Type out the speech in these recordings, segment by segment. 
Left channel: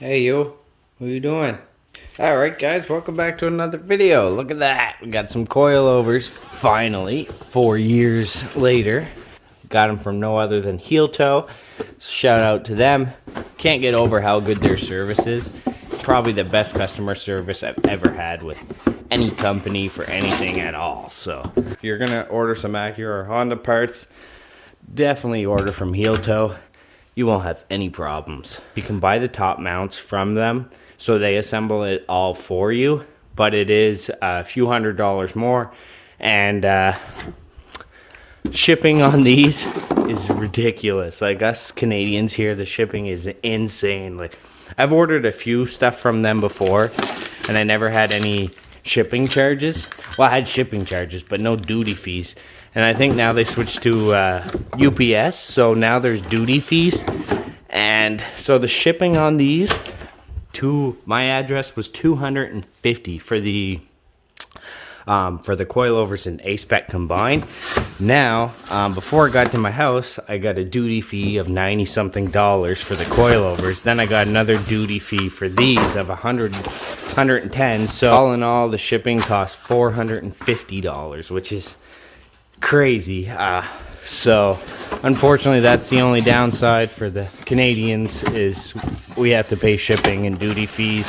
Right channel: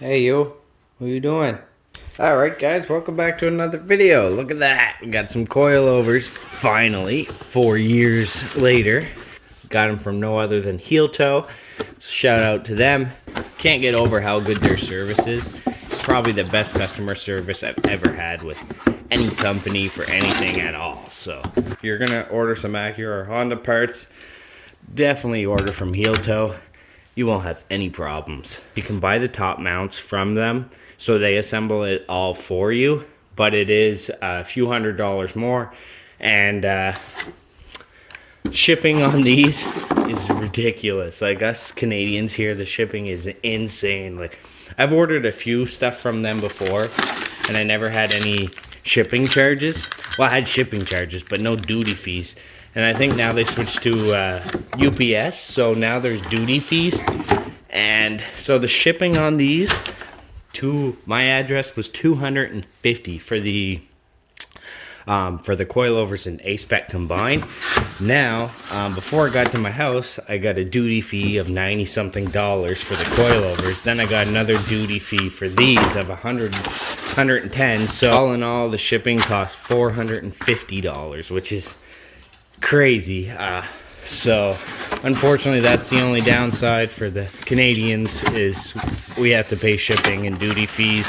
Hey you, what are you doing? Alright guys, welcome back to another video. Look at that, we got some coilovers, finally, 4 years later. Got them from no other than Heel Toe. Shout out to them. Can't get over how good their service is. Probably the best customer service I've ever had with any company for anything at all. So, if you're gonna order some Acura or Honda parts, definitely order from Heel Toe. You won't have any problems. You can buy the top mounts from them, so they assemble it all for you, but it is a few $100s more, and shipping on these is ridiculous. Like us Canadians here, the shipping is insane. Like, I've ordered a few stuff from them before, and I never had any shipping charges. Well, I had shipping charges, but no duty fees. And I think now they switched to UPS, so now there's duty fees. And so the shipping on these to my address was $250 for the coilovers and A-Spec combined. Now, before it got to my house, I got a duty fee of $90-something for the coilovers. Then I got another duty fee for these of $110. So all in all, the shipping cost $450, which is crazy. So unfortunately, that's the only downside for the Canadians, is we have to pay shipping and duty fees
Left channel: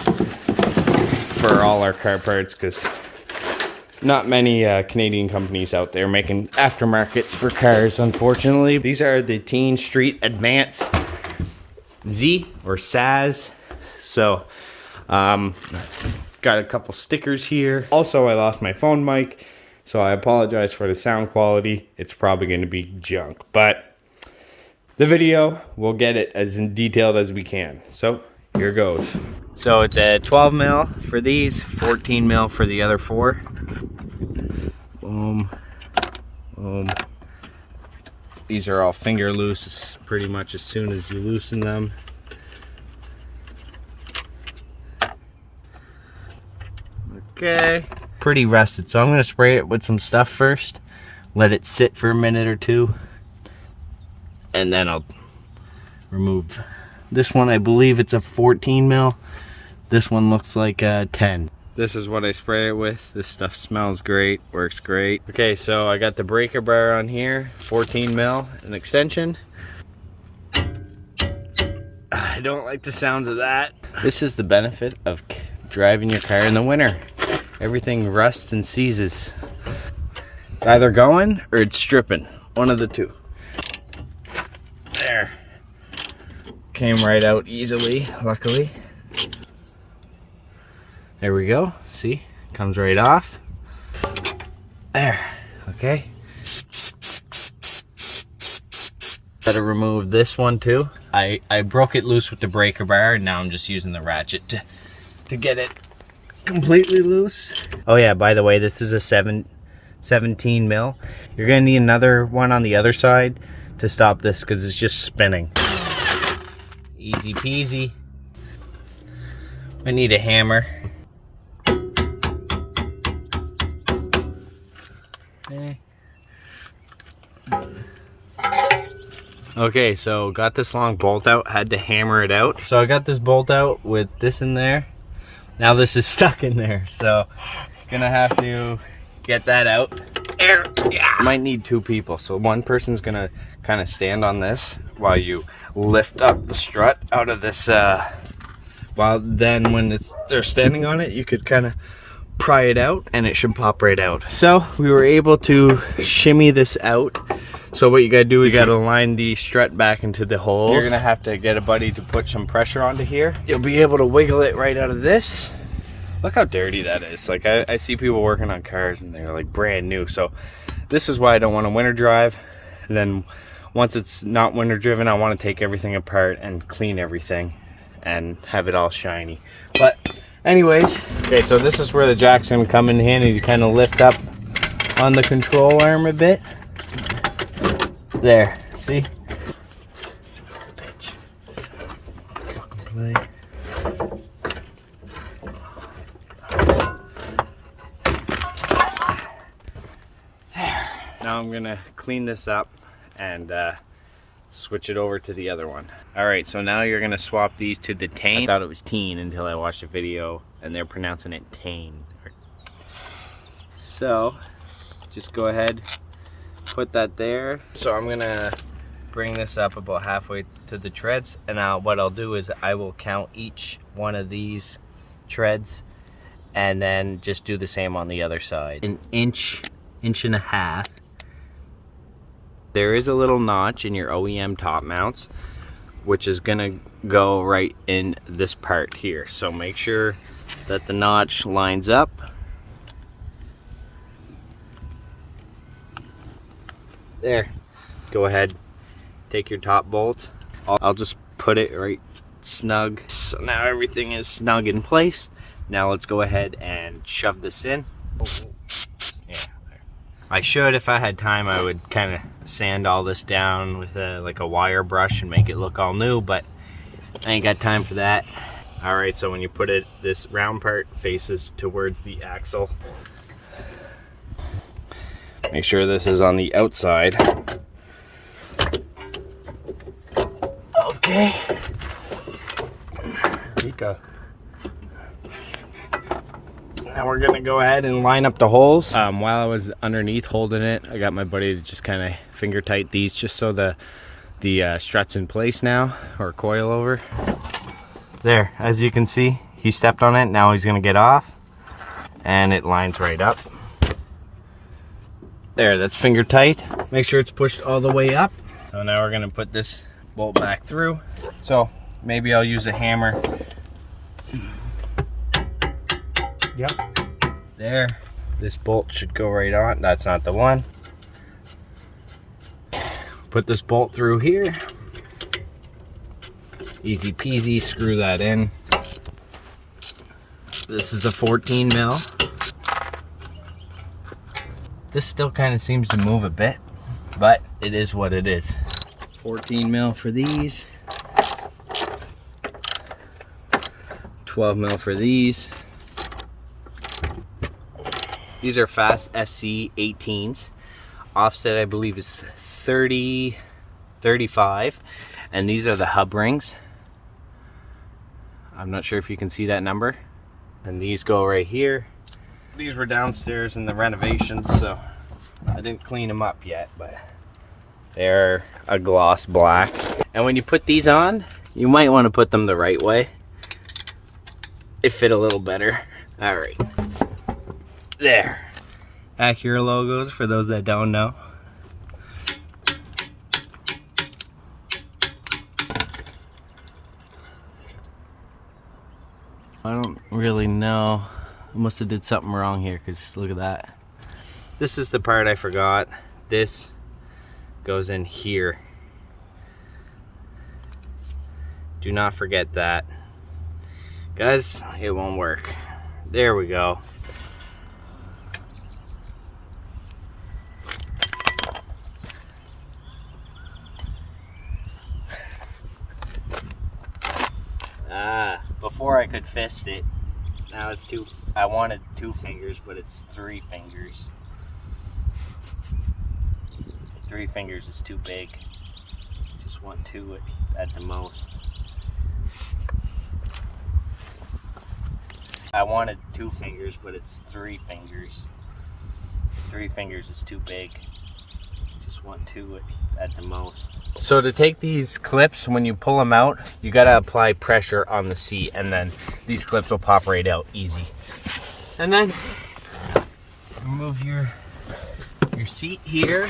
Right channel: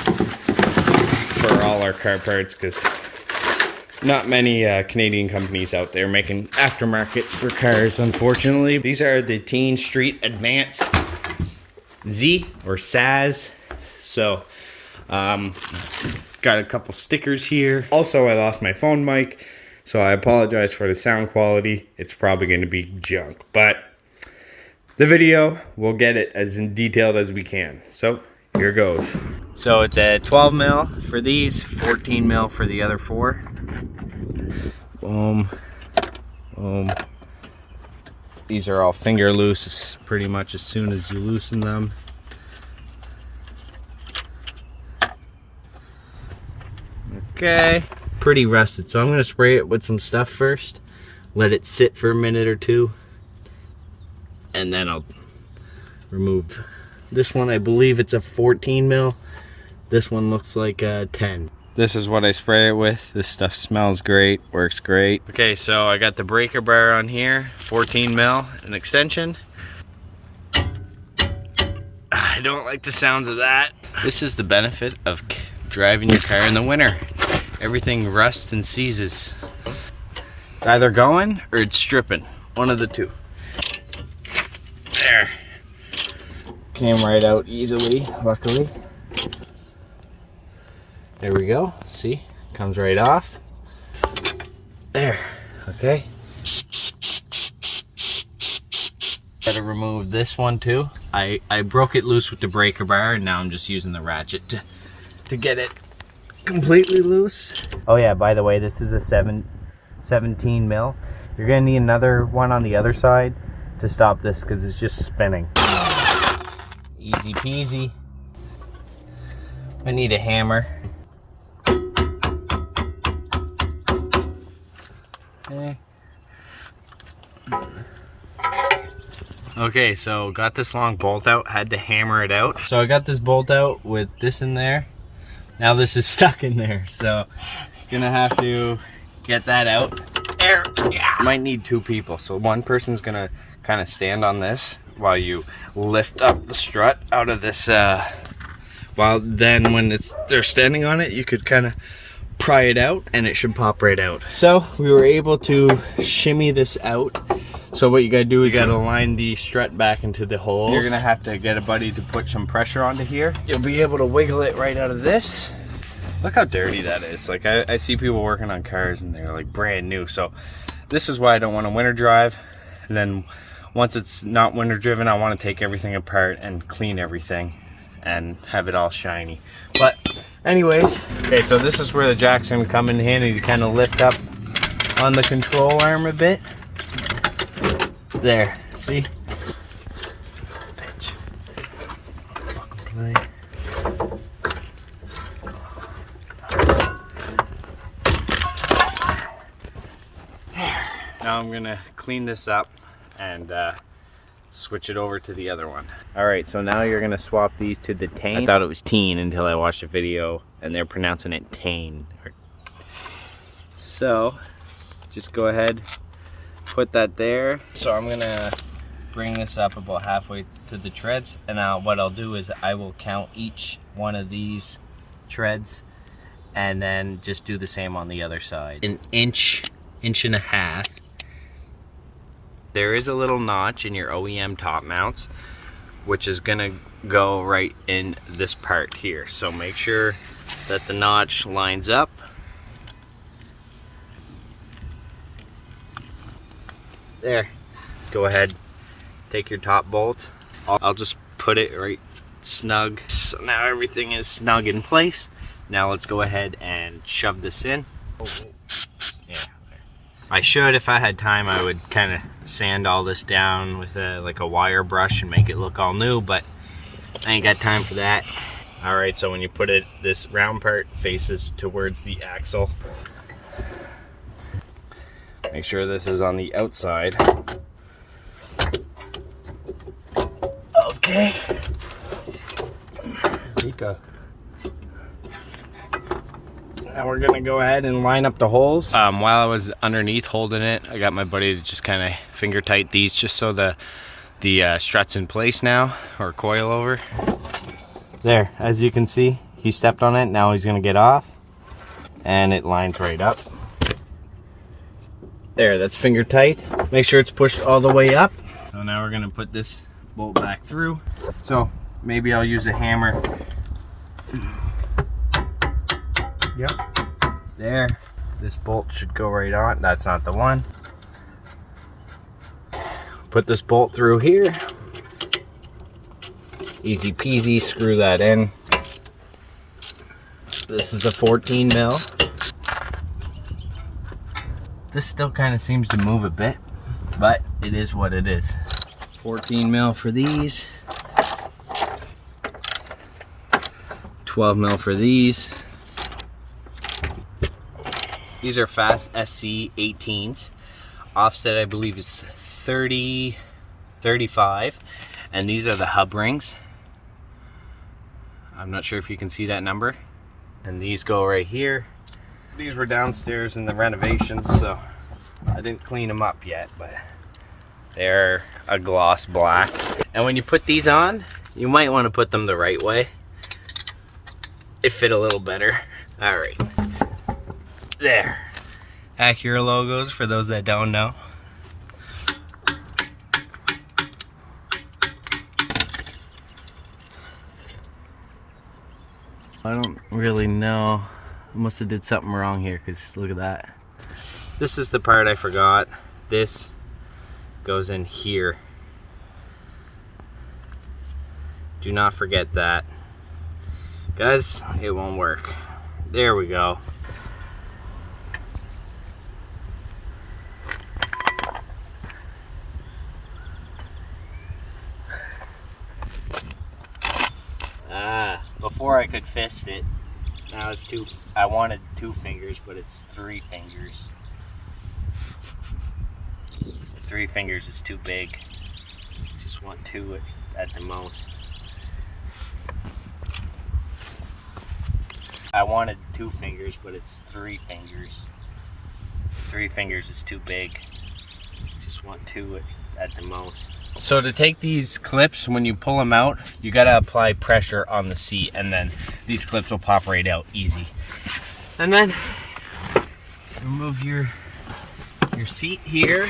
for all our car parts, because not many Canadian companies out there making aftermarkets for cars, unfortunately. These are the Tein Street Advance Z or SAS. So got a couple stickers here. Also, I lost my phone mic, so I apologize for the sound quality. It's probably going to be junk, but the video, we'll get it as detailed as we can. So here goes. So it's a 12 mil for these, 14 mil for the other four. Boom, boom. These are all finger loose pretty much as soon as you loosen them. Okay. Pretty rusted, so I'm going to spray it with some stuff first, let it sit for a minute or two, and then I'll remove this one. I believe it's a 14 mil. This one looks like a 10. This is what I spray it with. This stuff smells great, works great. Okay, so I got the breaker bar on here, 14 mil, an extension. I don't like the sounds of that. This is the benefit of driving your car in the winter. Everything rusts and seizes. It's either going or it's stripping. One of the two. There. Came right out easily, luckily. There we go. See? Comes right off. There. Okay. Gotta remove this one too. I broke it loose with the breaker bar, and now I'm just using the ratchet to get it completely loose. Oh yeah, by the way, this is a 17 mil. You're gonna need another one on the other side to stop this, because it's just spinning. Easy peasy. I need a hammer. Okay, so got this long bolt out, had to hammer it out. So I got this bolt out with this in there. Now this is stuck in there, so gonna have to get that out. There, yeah. Might need two people, so one person's gonna kind of stand on this while you lift up the strut out of this. While then, when they're standing on it, you could kind of pry it out, and it should pop right out. So we were able to shimmy this out. So what you gotta do is you gotta line the strut back into the holes. You're gonna have to get a buddy to put some pressure onto here. You'll be able to wiggle it right out of this. Look how dirty that is. Like, I see people working on cars and they're like brand new. So this is why I don't want to winter drive. And then once it's not winter driven, I want to take everything apart and clean everything and have it all shiny. But anyways, okay, so this is where the jack's gonna come in handy to kind of lift up on the control arm a bit. There, see? Now I'm gonna clean this up and switch it over to the other one. All right, so now you're gonna swap these to the Tein. I thought it was Tein until I watched a video and they're pronouncing it Tein. So just go ahead, put that there. So I'm gonna bring this up about halfway to the treads, and now what I'll do is I will count each one of these treads and then just do the same on the other side. An inch and a half. There is a little notch in your OEM top mounts, which is gonna go right in this part here. So make sure that the notch lines up. There. Go ahead, take your top bolt. I'll just put it right snug. So now everything is snug in place. Now let's go ahead and shove this in. Yeah. I should, if I had time, I would kind of sand all this down with like a wire brush and make it look all new, but I ain't got time for that. All right, so when you put it, this round part faces towards the axle. Make sure this is on the outside. Okay. Mika. Now we're gonna go ahead and line up the holes. While I was underneath holding it, I got my buddy to just kind of finger tight these just so the strut's in place now, or coilover. There, as you can see, he stepped on it. Now he's gonna get off, and it lines right up. There, that's finger tight. Make sure it's pushed all the way up. So now we're gonna put this bolt back through. So maybe I'll use a hammer. Yep. There. This bolt should go right on. That's not the one. Put this bolt through here. Easy peasy, screw that in. This is the 14 mil. This still kind of seems to move a bit, but it is what it is. 14 mil for these. 12 mil for these. These are fast FC 18s. Offset, I believe, is 30, 35. And these are the hub rings. I'm not sure if you can see that number. And these go right here. These were downstairs in the renovations, so I didn't clean them up yet, but they're a gloss black. And when you put these on, you might want to put them the right way. It fit a little better. All right. There. Acura logos for those that don't know. I don't really know. I must have did something wrong here, because look at that. This is the part I forgot. This goes in here. Do not forget that. Guys, it won't work. There we go. Before I could fist it. Now it's two. I wanted 2 fingers, but it's 3 fingers. 3 fingers is too big. Just want 2 at the most. I wanted 2 fingers, but it's 3 fingers. 3 fingers is too big. Just want 2 at the most. So to take these clips, when you pull them out, you gotta apply pressure on the seat, and then these clips will pop right out easy. And then remove your seat here.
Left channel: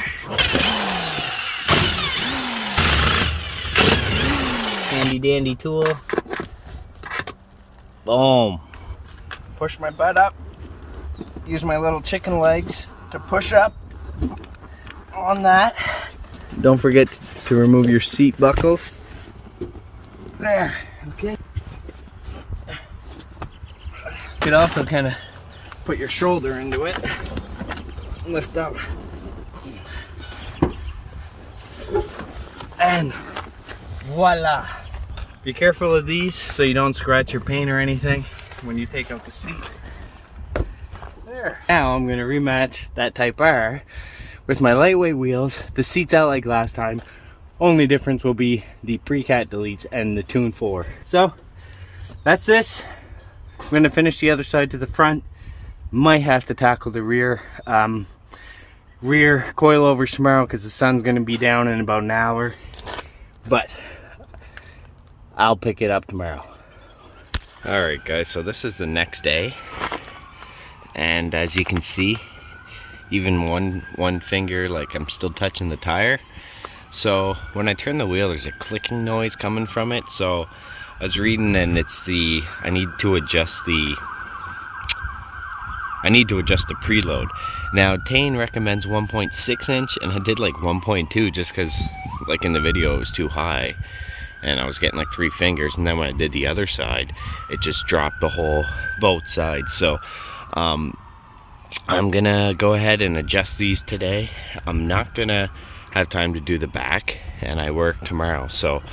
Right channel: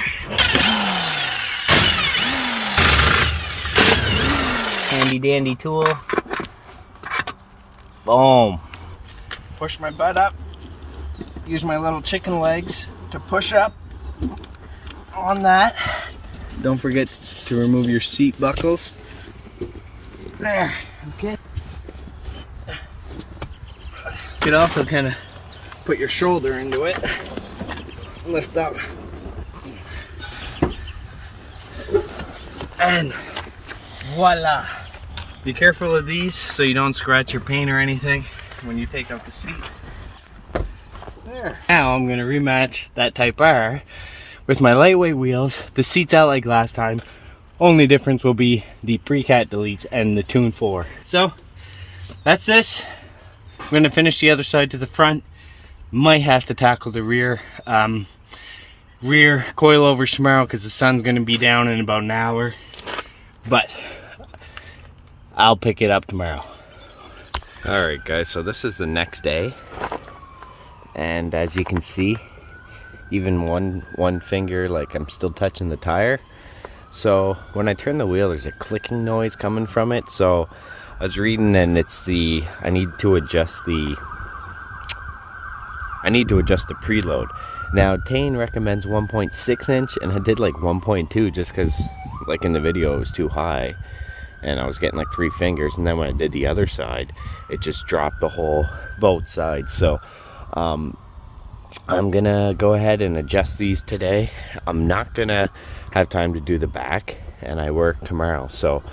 Handy dandy tool. Boom. Push my butt up. Use my little chicken legs to push up on that. Don't forget to remove your seat buckles. There, okay. You could also kind of put your shoulder into it. Lift up. And voila. Be careful of these so you don't scratch your paint or anything when you take out the seat. There. Now I'm going to rematch that Type R with my lightweight wheels. The seat's out like last time. Only difference will be the pre-cat deletes and the Tune 4. So that's this. I'm gonna finish the other side to the front. Might have to tackle the rear coilovers tomorrow because the sun's gonna be down in about an hour. But I'll pick it up tomorrow. Alright guys, so this is the next day. And as you can see, even one finger, like I'm still touching the tire. So when I turn the wheel, there's a clicking noise coming from it. So I was reading, and it's I need to adjust the preload. Now Tein recommends 1.6 inch, and I did like 1.2 just because, like in the video, it was too high, and I was getting like 3 fingers. And then when I did the other side, it just dropped both sides. So I'm gonna go ahead and adjust these today. I'm not gonna have time to do the back, and I work tomorrow, so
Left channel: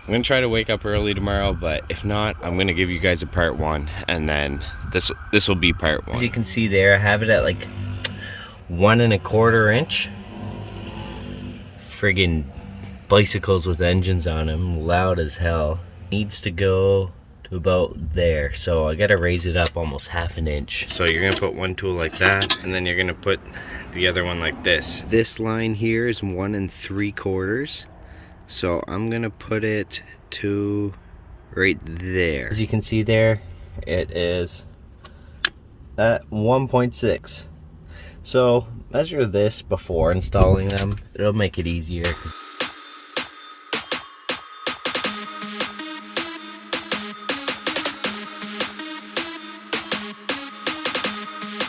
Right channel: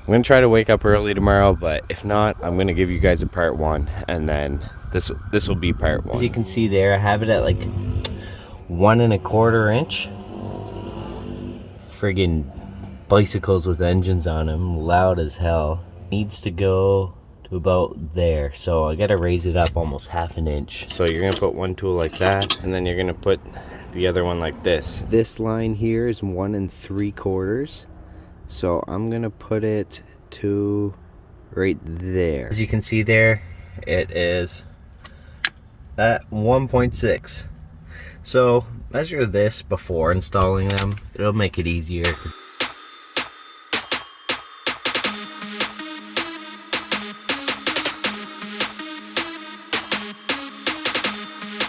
I'm gonna try to wake up early tomorrow. But if not, I'm gonna give you guys a part 1, and then this will be part 1. As you can see there, I have it at like 1 1/4 inch. Friggin' bicycles with engines on them, loud as hell. Needs to go to about there, so I gotta raise it up almost 1/2 inch. So you're gonna put one tool like that, and then you're gonna put the other one like this. This line here is 1 3/4, so I'm gonna put it to right there. As you can see there, it is at 1.6. So measure this before installing them. It'll make it easier.